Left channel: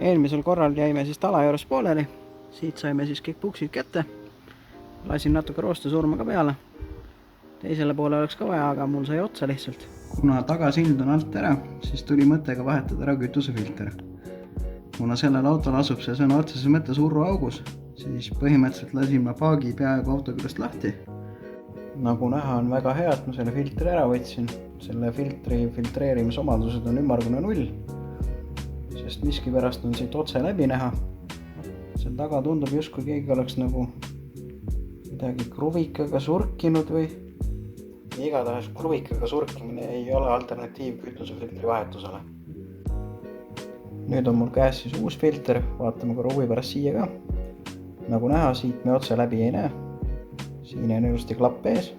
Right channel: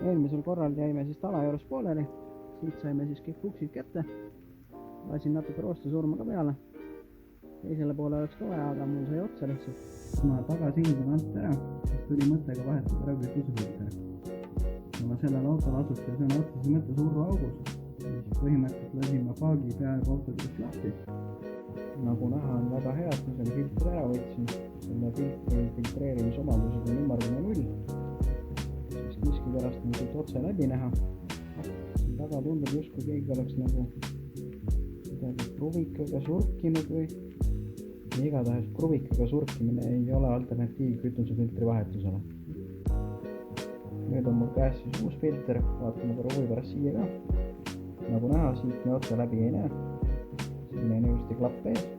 Eelmisel korral jäime siis tala juures pooleli, siit saime siis kõik puksid kätte. Lasin natuke roostesurma ka peale. Teisele poole oleks ka vaja, aga mul sai otsa lihtsalt. Kuna tagasild on alt ära, siis tuli mõttega vahetada ära kütusefilter. Kuna sellel autol asub see sõna otseses mõttes urruaugus, siis põhimõtteliselt lasin ma paagi peaaegu auto küljest lahti. Nagu näha, on väga hea, et ma selle filtri ära võtsin. Selle filtri filtreerimisomadused on ümmargune 0, sest miskipärast on siit otse läbi näha. Seal taga tundub justkui keegi oleks nagu midagi kruvikaga surkinud või igatahes kruvikaga surkimine ei ole alternatiiv kütusefiltri vahetusele. Nüüd on mul käes siis uus filter, vaatame korra huvi pärast siia ka. Nagu näha, siit me otse läbi ei näe. Siin on ilusti klapp ees.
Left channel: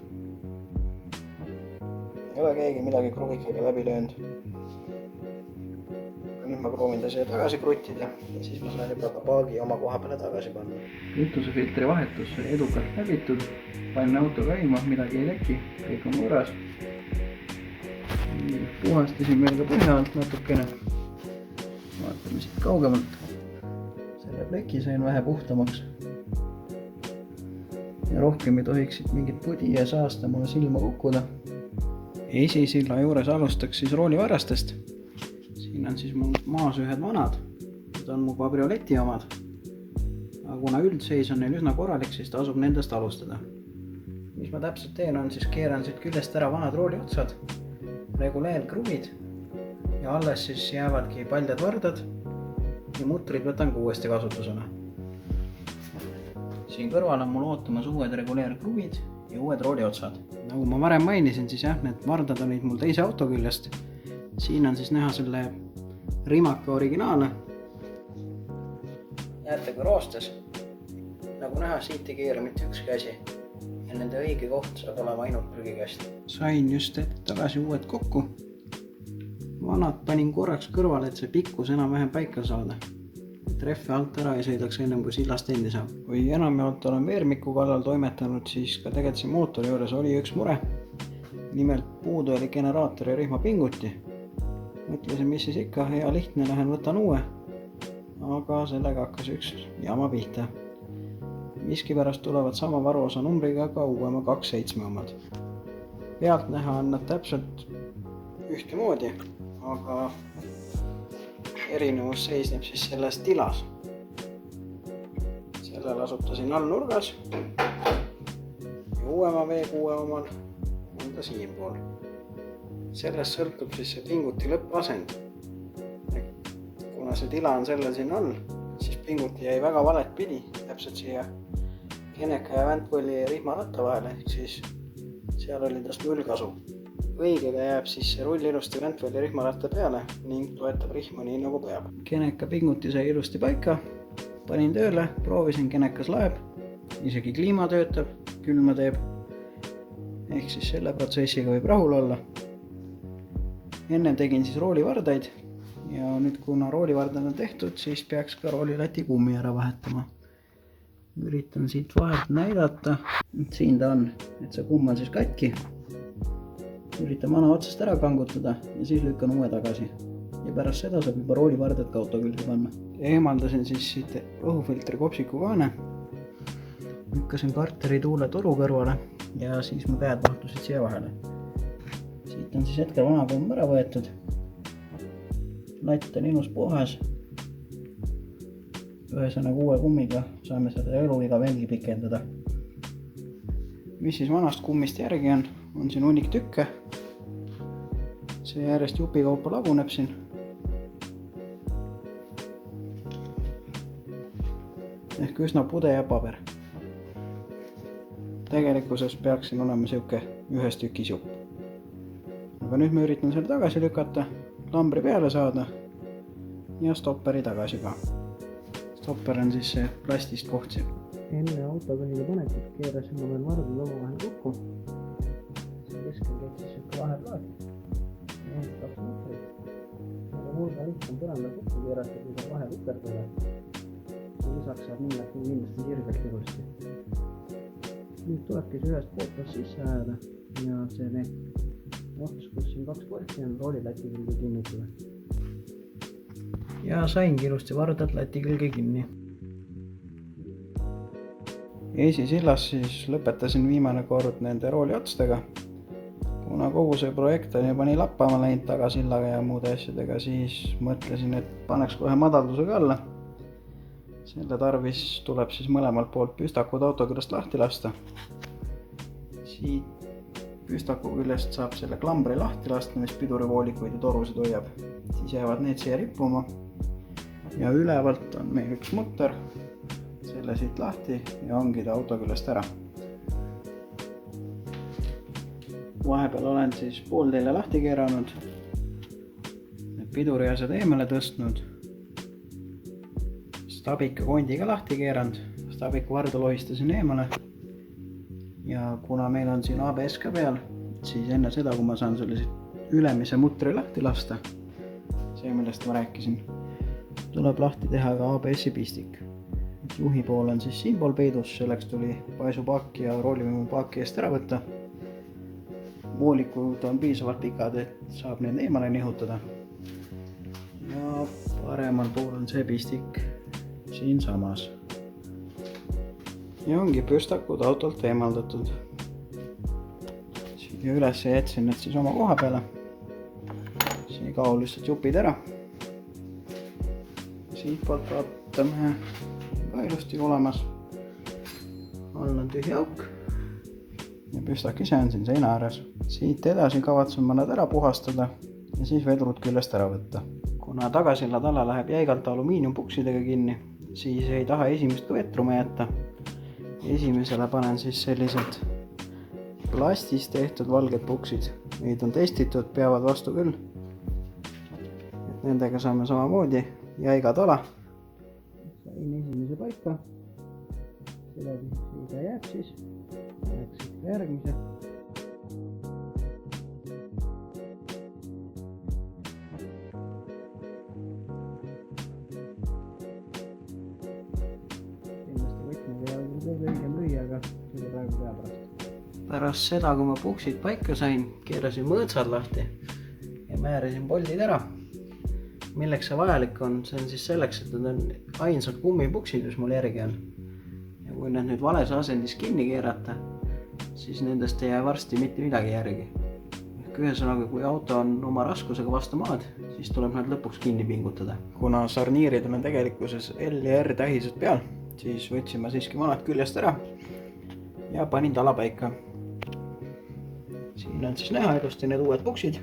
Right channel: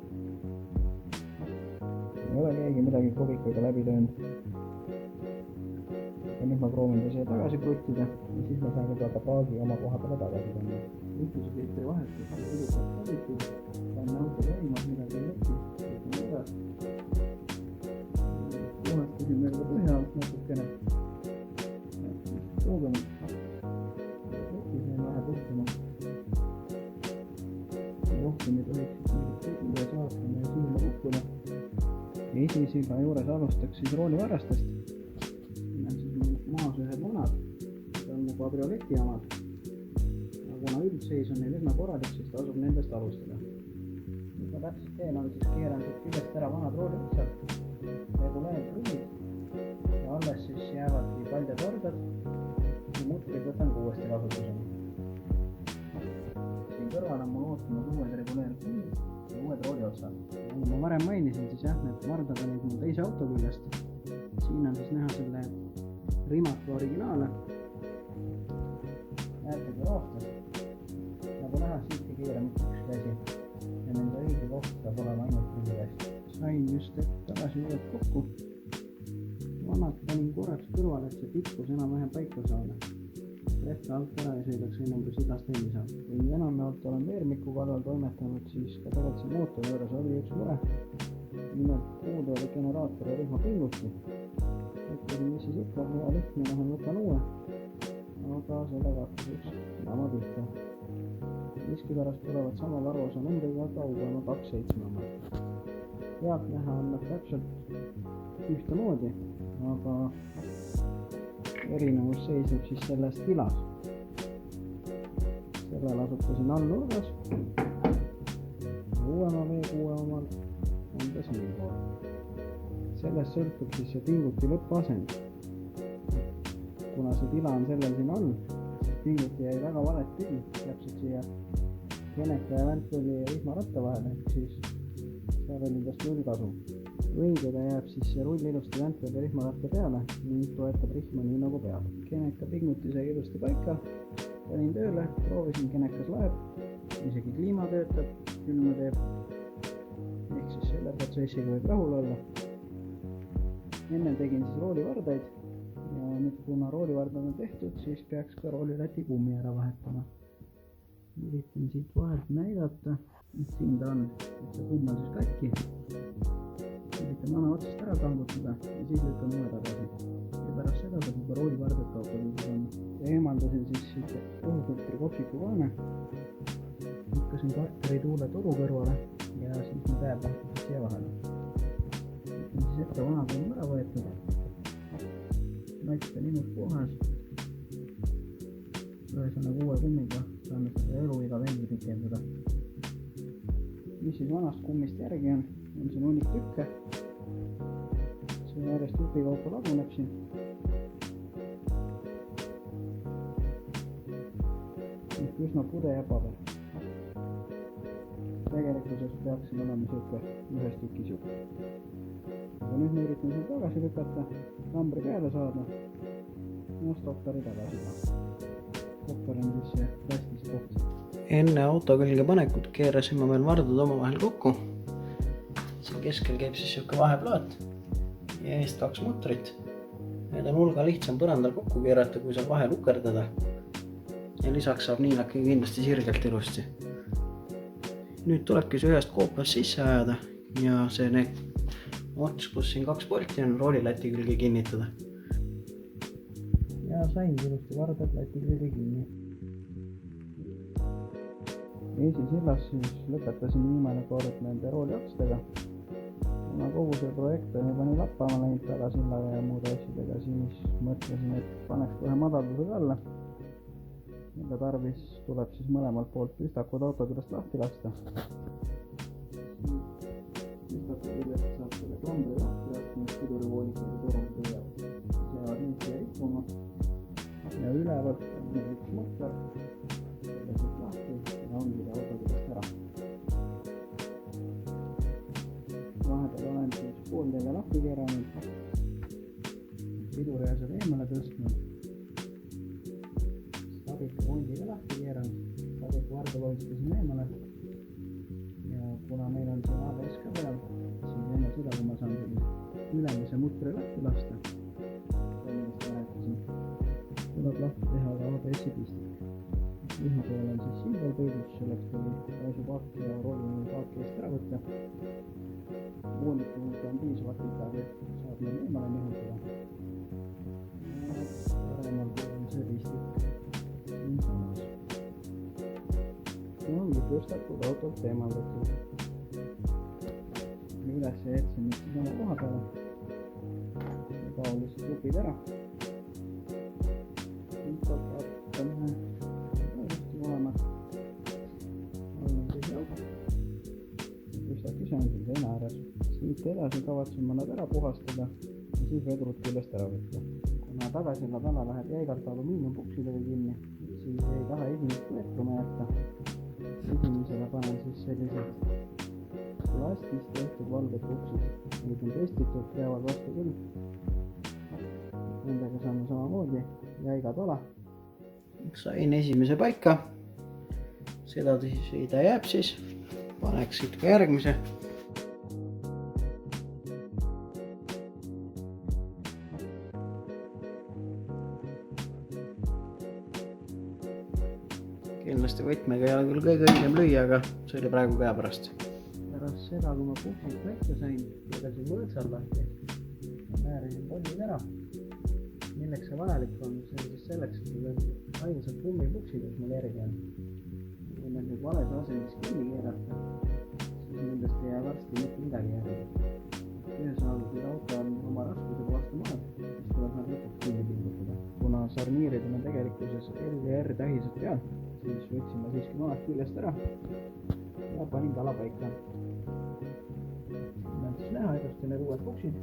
Ei ole keegi midagi kruvikaga läbi löönud. Nüüd ma proovin ta siia tagasi kruttida ja siis ma saan juba ka paagi oma koha peale tagasi panna. Kütusefiltri vahetus edukalt läbitud. Panin auto käima, midagi ei leki, kõik on korras. Puhastasin veel ka põhja alt natukene. Vaatame siit kaugemalt. Selle pleki sain vähe puhtamaks. Ja rohkem ei tohiks siit mingit pudi ja saasta mulle silma kukkuda. Esisilla juures alustaks siis roolivarrastest. Siin on siis mul maas ühed vanad. Need on mu kabrioleti omad. Aga kuna üldseis on neil üsna korralik, siis tasub nendest alustada. Mis ma täpselt teen on, siis keeran siit küljest ära vanad rooli otsad, reguleerkruvid ja alles siis jäävadki paljad vardad ja mutrid võtan ka uuesti kasutusele. Siin kõrval on mul ootamas uued reguleerkruvid ja uued rooli otsad. Nagu ma varem mainisin, siis jah, need vardad olid mul teise auto küljest. Siin on siis näha selle Rimaca originaale. Näete kui roostes. Nagu näha, siit ei keera mitte ükski asi. Ja nende õige koht saab olema ainult prügikast. Sain just hetk tagasi uued kokku. Vanad panin korraks kõrvale, et see pikkus enam-vähem paika saada. Et rehve alt ära ei sõidaks ennem kui sillast endi saab. Kui enamjaolt olen veermiku kallal toimetanud, siis ka tegelikult see mootori juures oli üks mure. Nimelt puudu oli generaatori ja rihma pinguti. Mõtlesin, mis siis ikka, hea lihtne, lähen võtan uue. Aga sellega hakkas üks jama pihta. Miskipärast tulevad sama varuosa numbriga ka uuema 2.7 omad. Pealt näha on nad täpselt ühtemoodi, aga erinevus seisneb siis selles tilas. Sellel asutasin all nurgas ja uuema V6 omal on ta siinpool. Sellest sõltub siis see pinguti lõppasend. Kuna see tila on sellel siin all, siis pinguti jäi väga valet pidi, täpselt siia Geneka ja Ventpolli rihmaratta vahele, ehk siis seal oli tast 0 kasu. Õigega jääb siis see rull ilusti Ventpolli rihmaratta peale ning toetab rihma nii nagu peab. Geneka pinguti sai ilusti paika, panin tööle, proovisin, Genekas laeb, isegi kliima töötab, külma teeb. Ehk siis selle protsessiga võib rahul olla. Enne tegin siis roolivardaid ja nüüd kuna roolivardad on tehtud, siis peaks ka roolilati kummi ära vahetama. Üritan siit vahelt näidata, et siin ta on, et see kumm on siis katki. Üritan vana otsast ära kangutada ja siis lükkan uue tagasi. Ja pärast seda saab juba roolivardad ka auto külge panna. Eemaldasin siis siit õhufiltri kopsiku kaane. Lükkasin karteri tuule toru kõrvale ja siis mu käed mahtusid siia vahele. Siit on siis hetkel vana kumm ära võetud. Latt on ilus puhas. Ühesõnaga uue kummiga saame seda eluiga veelgi pikendada. Mis siis vanast kummist järgi on siin hunnik tükke. See järjest jupikaupa laguneb siin. Ehk üsna pude ja paber. Tegelikkuses peaks siin olema siuke ühes tükis jupp. Aga nüüd ma üritan selle tagasi lükata, lambri peale saada ja stopperi tagasi ka. Stopper on siis see plastist koht siin. Enne auto külge panekut keerasin ma veel vardad omavahel kokku. Siin keskel käib siis siuke vaheplaat ja eest 2 mutrit. Need on hulga lihtsam põrandal kokku keerata, kui seal vahel ukerdada. Ja lisaks saab niilaki kindlasti sirgelt ilusti. Nüüd tulebki see ühest koopast sisse ajada ja see ots, kus siin 2 porti on, roolilati külge kinnitada. ja saingi ilusti vardad lati külge kinni. Esisillas siis lõpetasin viimane kord nende rooliotstega. Kuna kogu see projekt on juba nii lappama läinud tagasillaga ja muude asjadega, siis mõtlesin, et paneks kohe madaldusega alla. Selle tarvis tuleb siis mõlemalt poolt püstakud autoküljest lahti lasta. Siit püstaku küljest saab selle klambri lahti lasta, mis pidurivoolikuid ja torusid hoiab. Siis jäävad need siia rippuma. Ja ülevalt on meil üks mutter. Selle siit lahti ja ongi ta auto küljest ära. Vahepeal olen siis pooltelje lahti keeranud. Piduri asjad eemale tõstnud. Stabika kondiga lahti keeranud. Stabika varda lohistasin eemale. Ja kuna meil on siin ABS ka peal, siis enne seda, kui ma saan sellise ülemise mutri lahti lasta, see millest ma rääkisin, tuleb lahti teha ka ABS-i pistik. Juhi pool on siis siinpool peidus, selleks tuli paisupaak ja roolivõimu paaki eest ära võtta. Voolikud on piisavalt pikad, et saab need eemale nihutada. Ja paremal pool on see pistik siin samas. Ja ongi püstakud autolt eemaldatud. Siia üles jätsin need siis oma koha peale. Siin kao lihtsalt jupid ära. Siit poolt vaatame ka ilusti olemas. All on tühi auk. Ja püstak ise on siin seina ääres. Siit edasi kavatsen ma nad ära puhastada ja siis vedrud küljest ära võtta. Kuna tagasilla tala läheb jäigalt alumiiniumpuksidega kinni, siis ei taha esimest ka vetruma jätta. Esimesele panen siis sellised plastist tehtud valged puksid. Neid on testitud, peavad vastu küll. Nendega saame samamoodi jäiga tala. Sain esimese paika. Seda ta jääb siis. Paneks siit ka järgmise. Kindlasti võtmega ei ole küll kõige õigem lüüa, aga see oli praegu käepärast. Pärast seda, kui ma puksid paika sain, keerasin mõõtsad lahti ja määrasin poldid ära. Milleks see vajalik on? See on siis selleks, et need on ainsad kummipuksid, mis mul järgi on. Ja kui need nüüd vales asendis kinni keerata, siis nendest ei jää varsti mitte midagi järgi. Ehk ühesõnaga, kui auto on oma raskusega vastu maad, siis tuleb nad lõpuks kinni pingutada. Kuna sarniirid on tegelikkuses L ja R tähised peal, siis võtsin ma siiski vanad küljest ära ja panin tala paika. Siin on siis näha ilusti need uued puksid.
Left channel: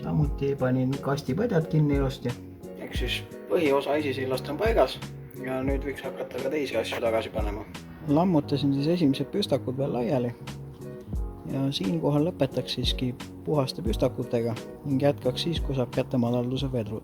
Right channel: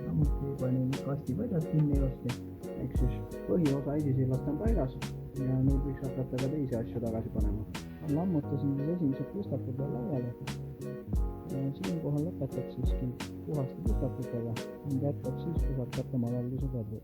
Samuti panin kastipõdjad kinni ilusti. Ehk siis põhiosa esisillast on paigas ja nüüd võiks hakata ka teisi asju tagasi panema. Lammutasin siis esimesed püstakud veel laiali ja siinkohal lõpetaks siiski puhaste püstakutega ning jätkaks siis, kui saab kätte madalduse vedrud.